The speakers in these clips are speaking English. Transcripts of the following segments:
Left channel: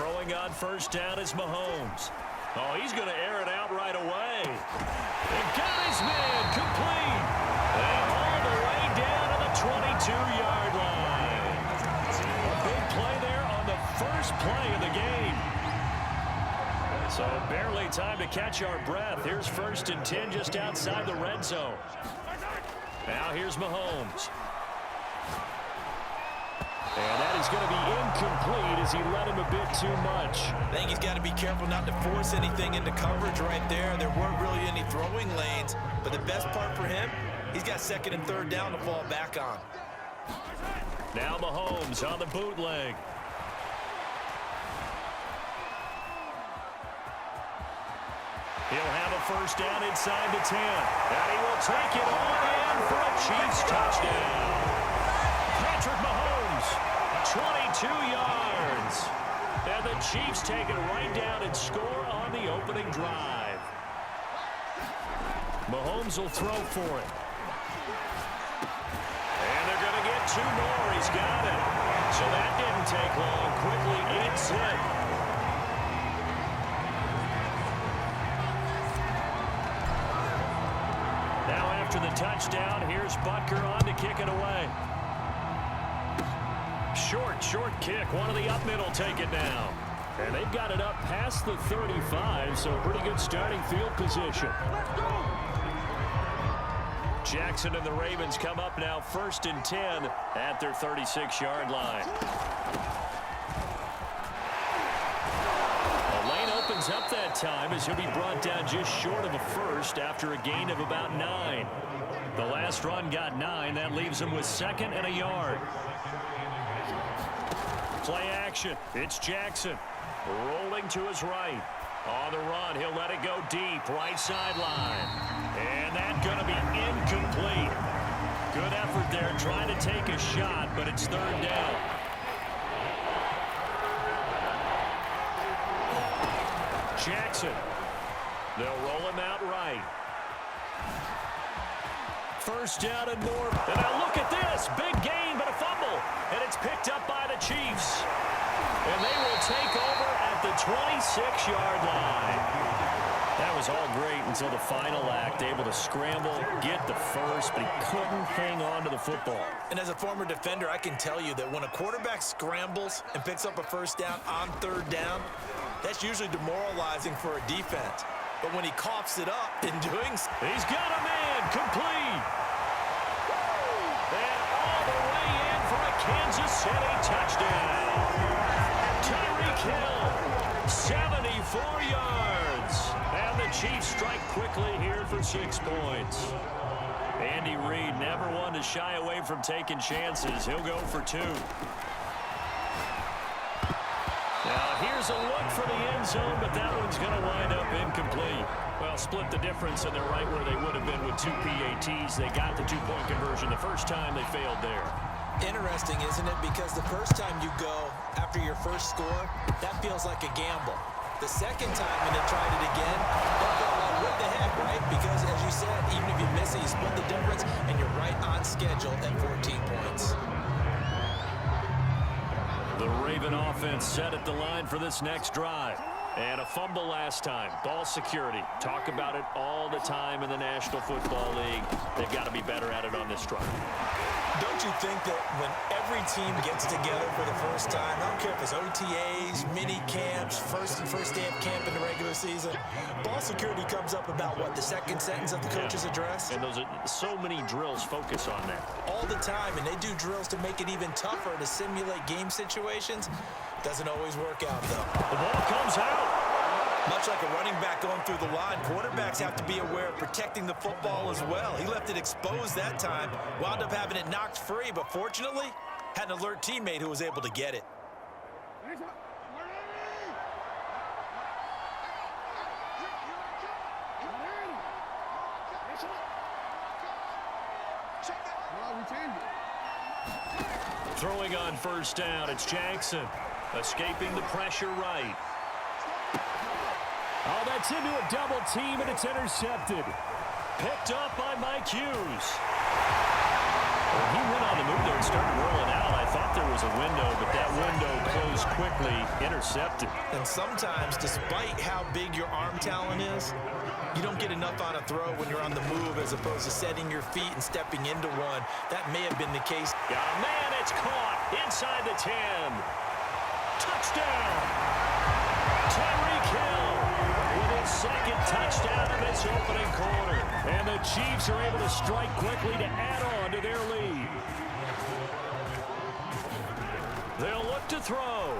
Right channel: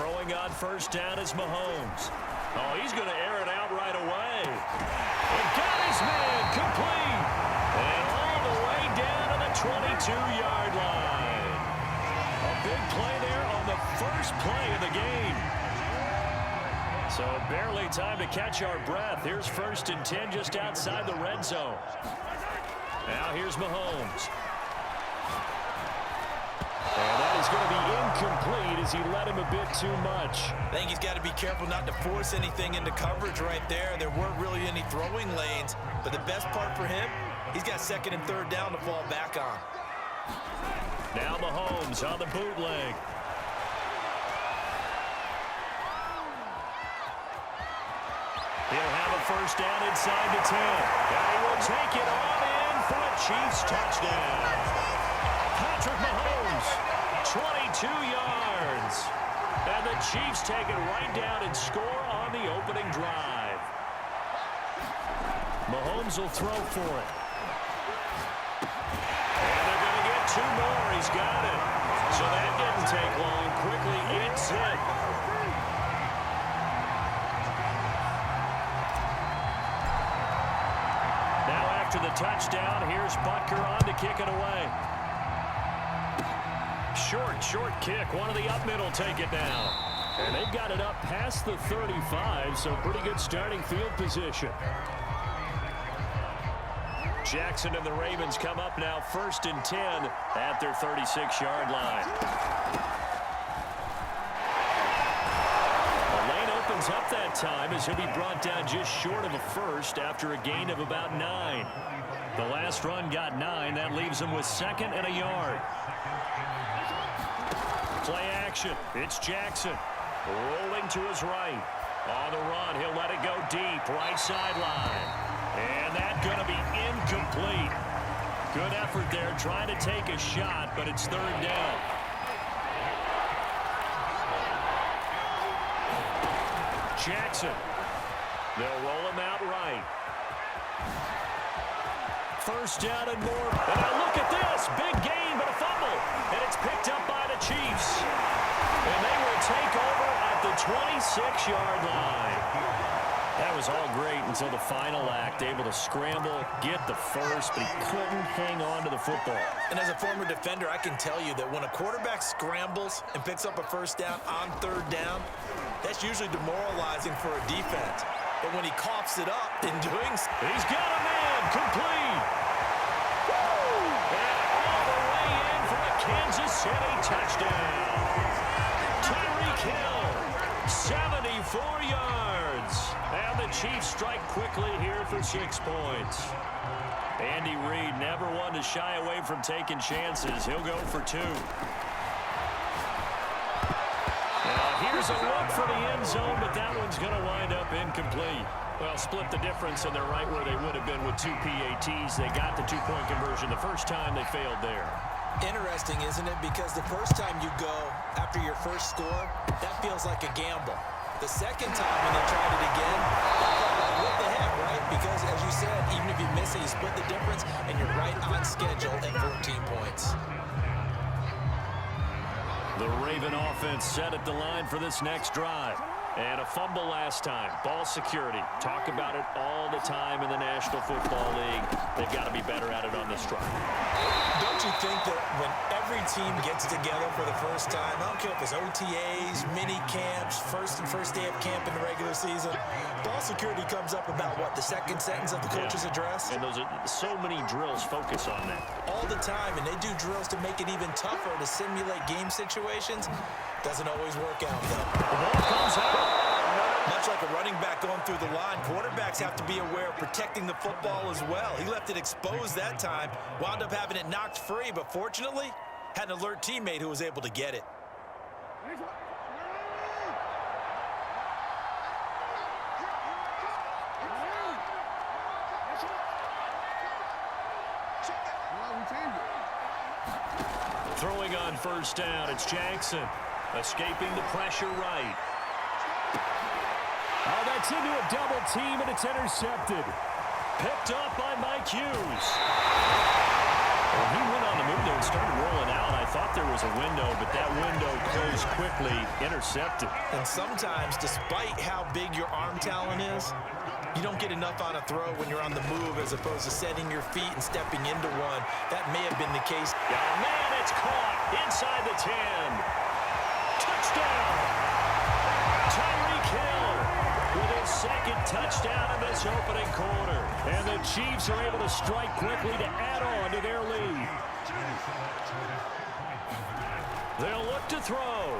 Throwing on first down is Mahomes. Oh, he's going to air it out right away. And got his man complete. And all the way down to the 22-yard line. A big play there on the first play of the game. So barely time to catch our breath. Here's 1st and 10 just outside the red zone. Now here's Mahomes. And that is going to be incomplete as he led him a bit too much. I think he's got to be careful not to force anything into coverage right there. There weren't really any throwing lanes, but the best part for him, he's got 2nd and 3rd down to fall back on. Now Mahomes on the bootleg. He'll have a first down inside the 10. And he will take it on in for a Chiefs touchdown. Patrick Mahomes, 22 yards. And the Chiefs take it right down and score on the opening drive. Mahomes will throw for it. And they're going to get 2 more. He's got it. So that didn't take long. Quickly eats it. Now after the touchdown, here's Butker on to kick it away. Short kick. One of the up middle take it down. And they've got it up past the 35, so pretty good starting field position. Jackson and the Ravens come up now 1st and 10 at their 36-yard line. The lane opens up that time as he'll be brought down just short of a first after a gain of about 9. The last run got 9. That leaves him with 2nd and a yard. Play action. It's Jackson. Rolling to his right. On the run, he'll let it go deep. Right sideline. And that's going to be incomplete. Good effort there trying to take a shot, but it's 3rd down. Jackson. They'll roll him out right. First down and more. And now look at this. Big gain, but a fumble. And it's picked up by the Chiefs. And they will take over at the 26-yard line. That was all great until the final act. Able to scramble, get the first, but he couldn't hang on to the football. And as a former defender, I can tell you that when a quarterback scrambles and picks up a first down on 3rd down, that's usually demoralizing for a defense. But when he coughs it up in doing so, he's got a man complete. And all the way in for a Kansas City touchdown. Tyreek Hill, 74 yards. And the Chiefs strike quickly here for 6 points. Andy Reid never one to shy away from taking chances. He'll go for 2. Now here's a look for the end zone, but that one's going to wind up incomplete. Well, split the difference, and they're right where they would have been with 2 PATs. They got the 2-point conversion the first time. They failed there. Interesting, isn't it? Because the first time you go after your first score, that feels like a gamble. The second time when they tried it again, that felt like, what the heck, right? Because, as you said, even if you miss it, you split the difference, and you're right on schedule at 14 points. The Raven offense set at the line for this next drive. And a fumble last time. Ball security. Talk about it all the time in the National Football League. They've got to be better at it on this drive. Don't you think that when every team gets together for the first time, I don't care if it's OTAs, mini camps, first day of camp in the regular season, ball security comes up about, what, the second sentence of the coach's address? And those are so many drills focus on that. All the time, and they do drills to make it even tougher to simulate game situations. Doesn't always work out, though. The ball comes out. Much like a running back going through the line, quarterbacks have to be aware of protecting the football as well. He left it exposed that time, wound up having it knocked free, but fortunately, had an alert teammate who was able to get it. Throwing on first down, it's Jackson. Escaping the pressure right. Oh, that's into a double team, and it's intercepted. Picked up by Mike Hughes. When he went on the move there and started rolling out, I thought there was a window, but that window closed quickly, intercepted. And sometimes, despite how big your arm talent is, you don't get enough on a throw when you're on the move as opposed to setting your feet and stepping into one. That may have been the case. Got a man, it's caught inside the 10. Touchdown! Tyreek Hill with his second touchdown in this opening quarter. And the Chiefs are able to strike quickly to add on to their lead. They'll look to throw.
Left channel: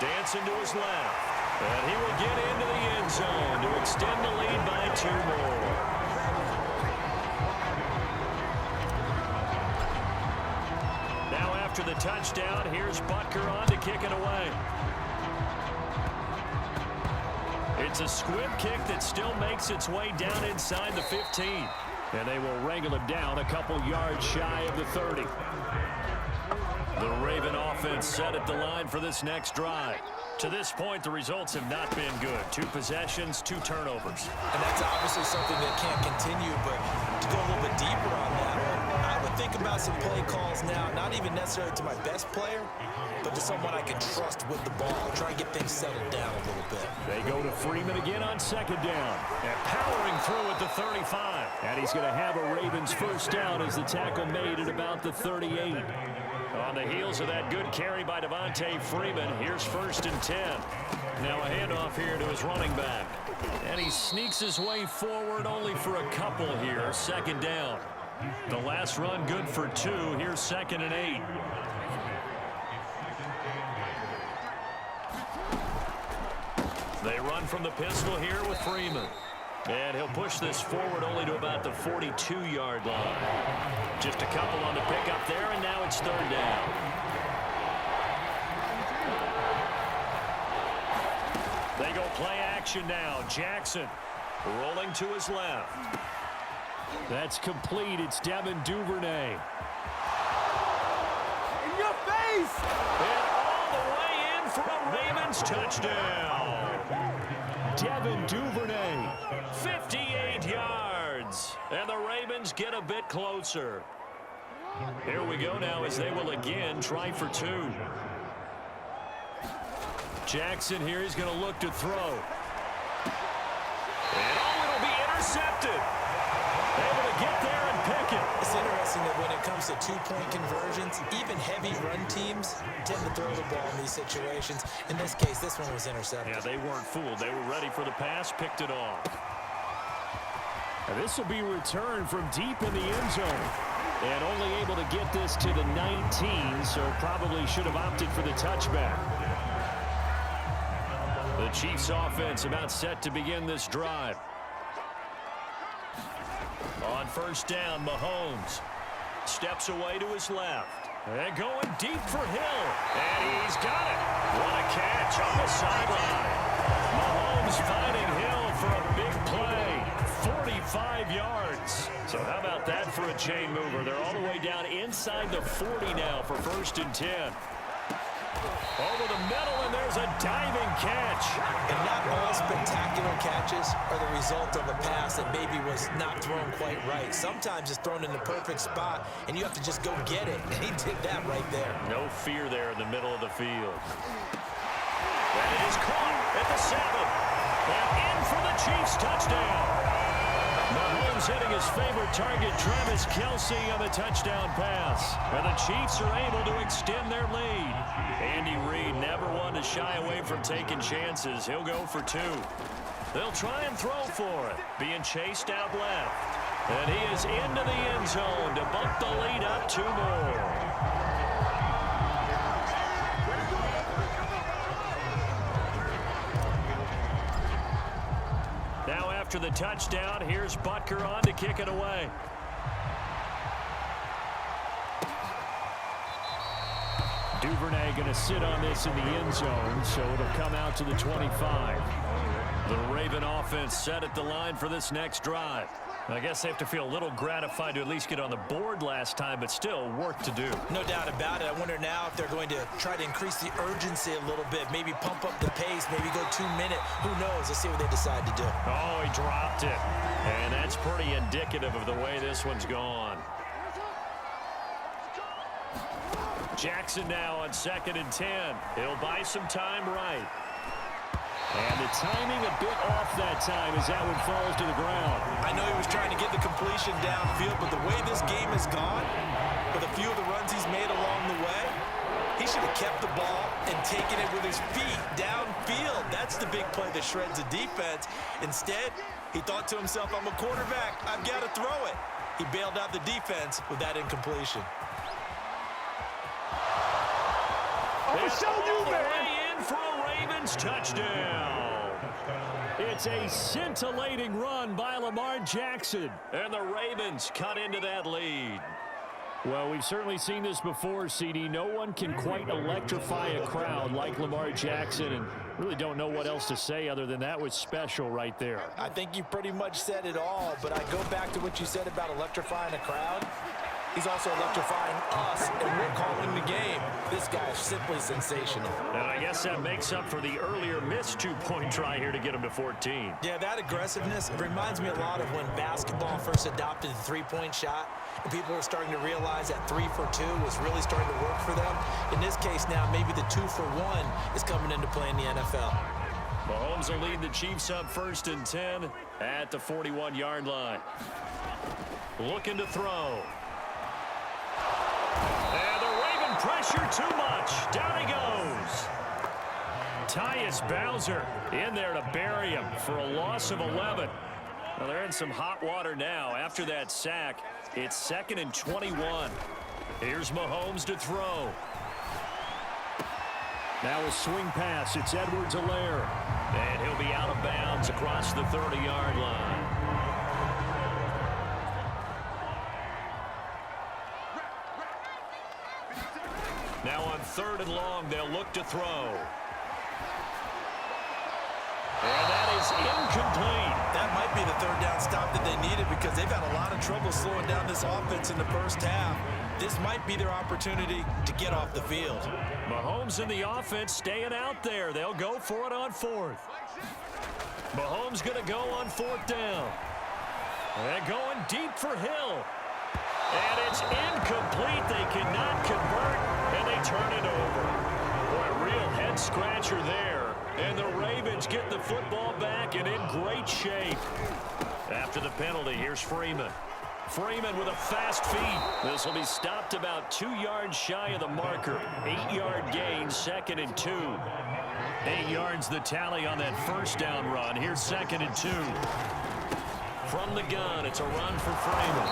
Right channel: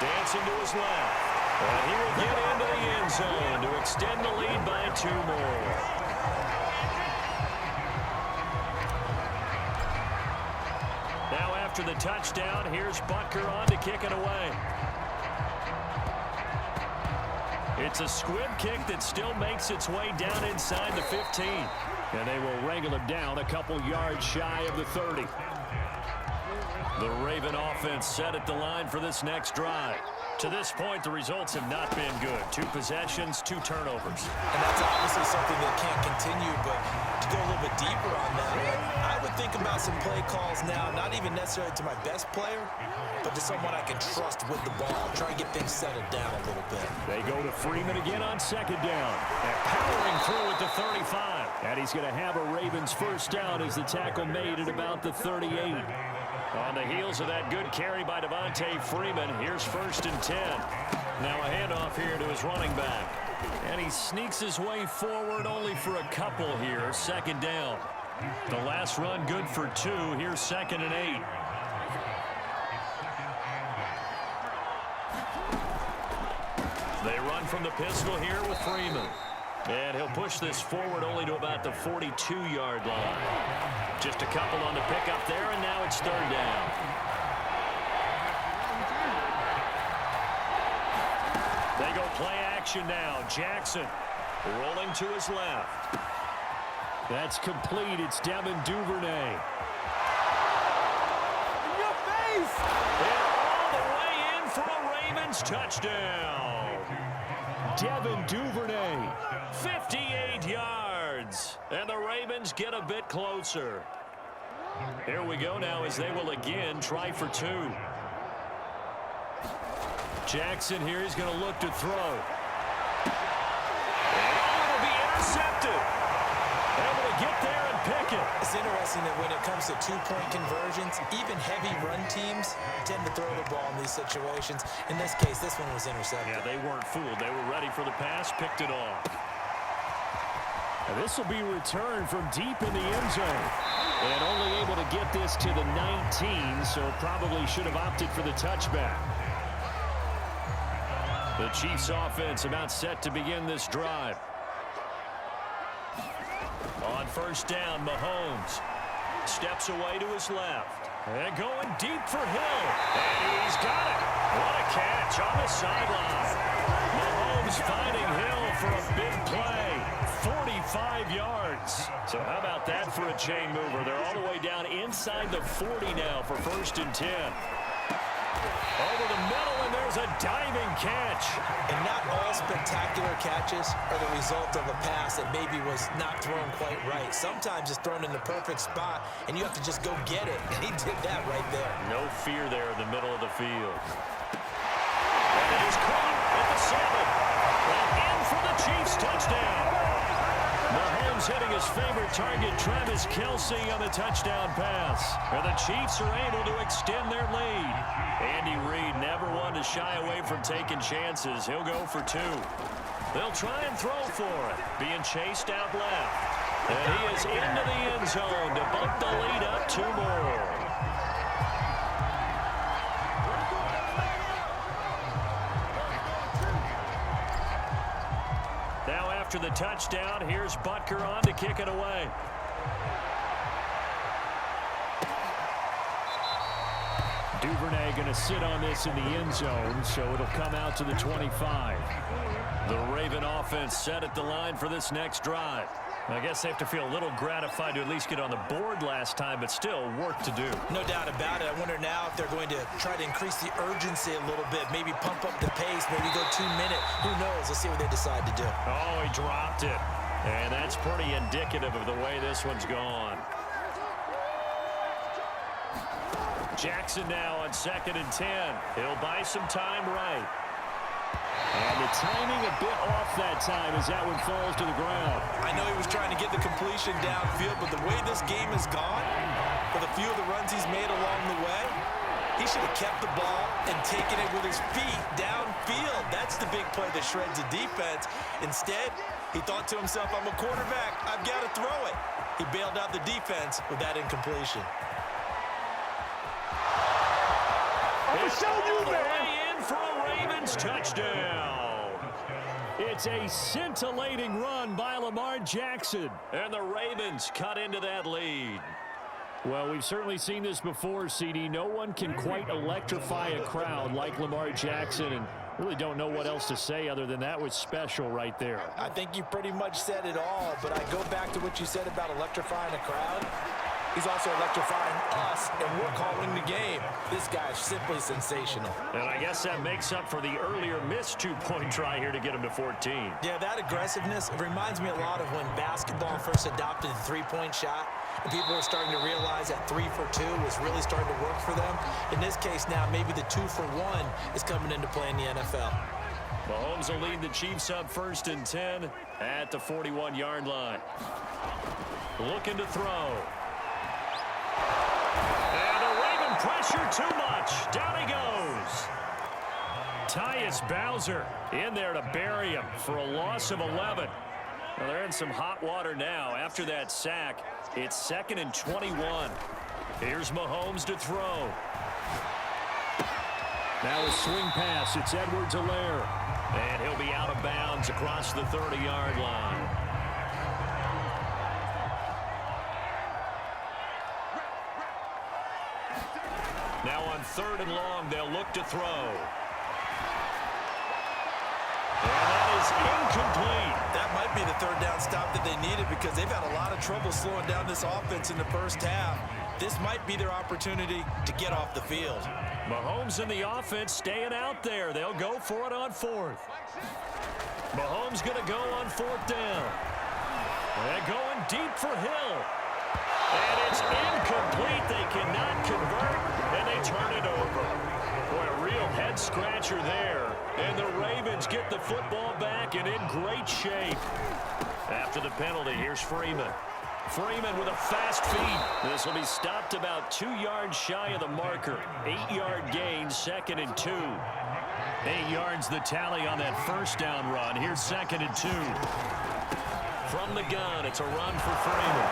Dancing to his left. And he will get into the end zone to extend the lead by 2 more. Now after the touchdown, here's Butker on to kick it away. It's a squib kick that still makes its way down inside the 15. And they will wrangle him down a couple yards shy of the 30. The Raven offense set at the line for this next drive. To this point, the results have not been good. 2 possessions, 2 turnovers. And that's obviously something that can't continue, but to go a little bit deeper on that one, I would think about some play calls now, not even necessarily to my best player, but to someone I can trust with the ball. Try and get things settled down a little bit. They go to Freeman again on 2nd down. And powering through at the 35. And he's going to have a Ravens first down as the tackle made at about the 38. On the heels of that good carry by Devontae Freeman, here's 1st and 10. Now a handoff here to his running back. And he sneaks his way forward only for a couple here. 2nd down. The last run good for 2. Here's 2nd and 8. They run from the pistol here with Freeman. And he'll push this forward only to about the 42-yard line. Just a couple on the pickup there, and now it's 3rd down. They go play action now. Jackson rolling to his left. That's complete. It's Devin Duvernay. In your face! And all the way in for a Ravens touchdown. Devin Duvernay, 58 yards. And the Ravens get a bit closer. Here we go now as they will again try for 2. Jackson here is going to look to throw. And it'll be intercepted. Able to get there and pick it. It's interesting that when it comes to 2-point conversions, even heavy run teams tend to throw the ball in these situations. In this case, this one was intercepted. Yeah, they weren't fooled. They were ready for the pass, picked it off. And this will be returned from deep in the end zone. And only able to get this to the 19, so probably should have opted for the touchback. The Chiefs offense about set to begin this drive. On 1st down, Mahomes steps away to his left. And going deep for Hill. And he's got it. What a catch on the sideline. Mahomes finding Hill for a big play. 45 yards. So how about that for a chain mover? They're all the way down inside the 40 now for 1st and 10. Over the middle, and there's a diving catch. And not all spectacular catches are the result of a pass that maybe was not thrown quite right. Sometimes it's thrown in the perfect spot, and you have to just go get it. And he did that right there. No fear there in the middle of the field. And it is caught at the 7. And in for the Chiefs touchdown. Mahomes hitting his favorite target, Travis Kelce, on the touchdown pass. And the Chiefs are able to extend their lead. Andy Reid never one to shy away from taking chances. He'll go for 2. They'll try and throw for it. Being chased out left. And he is into the end zone to bump the lead up 2 more. Now after the touchdown, here's Butker on to kick it away. Duvernay going to sit on this in the end zone, so it'll come out to the 25. The Raven offense set at the line for this next drive. I guess they have to feel a little gratified to at least get on the board last time, but still work to do. No doubt about it. I wonder now if they're going to try to increase the urgency a little bit, maybe pump up the pace, maybe go 2-minute. Who knows? Let's see what they decide to do. Oh, he dropped it. And that's pretty indicative of the way this one's gone. Jackson now on 2nd and 10. He'll buy some time right. And the timing a bit off that time as that one falls to the ground. I know he was trying to get the completion downfield, but the way this game has gone, with a few of the runs he's made along the way, he should have kept the ball and taken it with his feet downfield. That's the big play that shreds the defense. Instead, he thought to himself, I'm a quarterback, I've got to throw it. He bailed out the defense with that incompletion. I'm showing you, man. In for a Ravens touchdown. It's a scintillating run by Lamar Jackson. And the Ravens cut into that lead. Well, we've certainly seen this before, CD. No one can quite electrify a crowd like Lamar Jackson, and really don't know what else to say other than that was special right there. I think you pretty much said it all, but I go back to what you said about electrifying a crowd. He's also electrifying us, and we're calling the game. This guy is simply sensational. And I guess that makes up for the earlier missed two-point try here to get him to 14. Yeah, that aggressiveness, it reminds me a lot of when basketball first adopted the three-point shot, and people were starting to realize that 3 for 2 was really starting to work for them. In this case now, maybe the 2 for 1 is coming into play in the NFL. Mahomes will lead the Chiefs up 1st and 10 at the 41-yard line. Looking to throw. And the Raven pressure too much. Down he goes. Tyus Bowser in there to bury him for a loss of 11. Well, they're in some hot water now. After that sack, it's 2nd and 21. Here's Mahomes to throw. Now a swing pass. It's Edwards-Helaire. And he'll be out of bounds across the 30-yard line. Now on 3rd and long, they'll look to throw. And that is incomplete. That might be the 3rd down stop that they needed because they've had a lot of trouble slowing down this offense in the first half. This might be their opportunity to get off the field. Mahomes and the offense staying out there. They'll go for it on 4th. Mahomes going to go on 4th down. They're going deep for Hill. And it's incomplete. They cannot convert, and they turn it over. Boy, a real head-scratcher there. And the Ravens get the football back and in great shape. After the penalty, here's Freeman. Freeman with a fast feed. This will be stopped about 2 yards shy of the marker. 8-yard gain, 2nd and 2. 8 yards the tally on that 1st down run. Here's 2nd and 2. From the gun, it's a run for Freeman.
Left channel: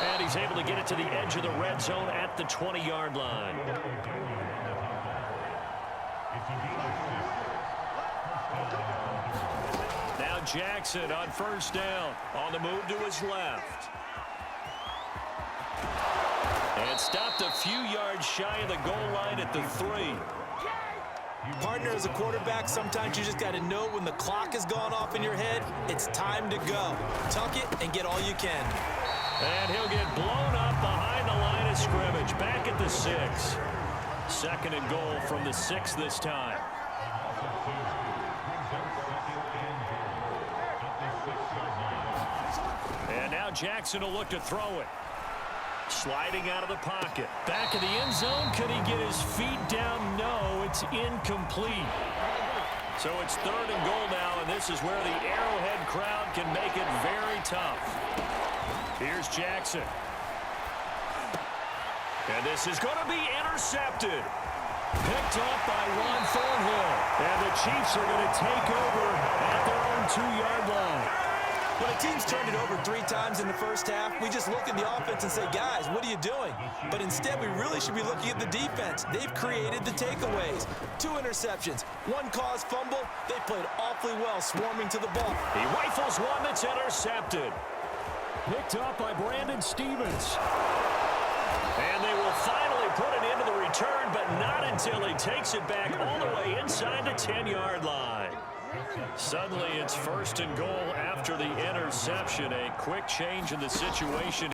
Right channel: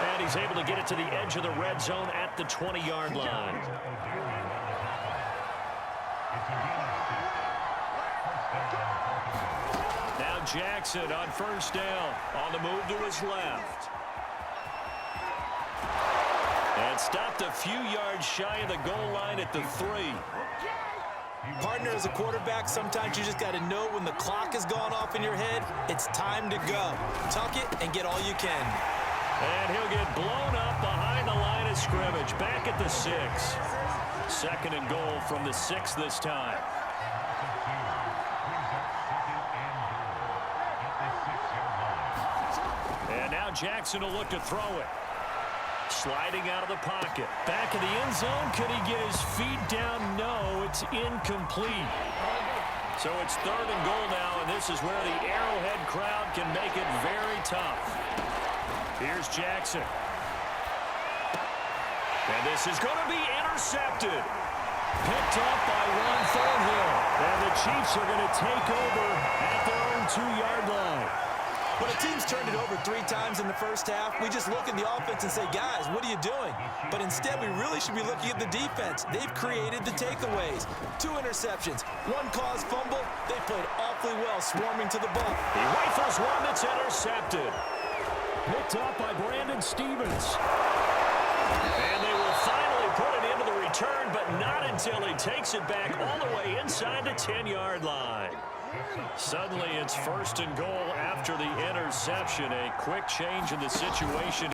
And he's able to get it to the edge of the red zone at the 20-yard line. Now Jackson on 1st down. On the move to his left. And stopped a few yards shy of the goal line at the 3. Partner, as a quarterback, sometimes you just got to know when the clock has gone off in your head, it's time to go. Tuck it and get all you can. And he'll get blown up behind the line of scrimmage. Back at the 6. 2nd and goal from the 6 this time. And now Jackson will look to throw it. Sliding out of the pocket. Back in the end zone. Could he get his feet down? No, it's incomplete. So it's 3rd and goal now, and this is where the Arrowhead crowd can make it very tough. Here's Jackson. And this is going to be intercepted. Picked up by Juan Thornhill. And the Chiefs are going to take over at their own 2-yard line. When a team's turned it over 3 times in the first half, we just look at the offense and say, guys, what are you doing? But instead, we really should be looking at the defense. They've created the takeaways. 2 interceptions, 1 caused fumble. They played awfully well swarming to the ball. He rifles one that's intercepted. Picked up by Brandon Stephens. And they will finally put it into the return, but not until he takes it back all the way inside the 10-yard line. Suddenly, it's 1st and goal after the interception. A quick change in the situation.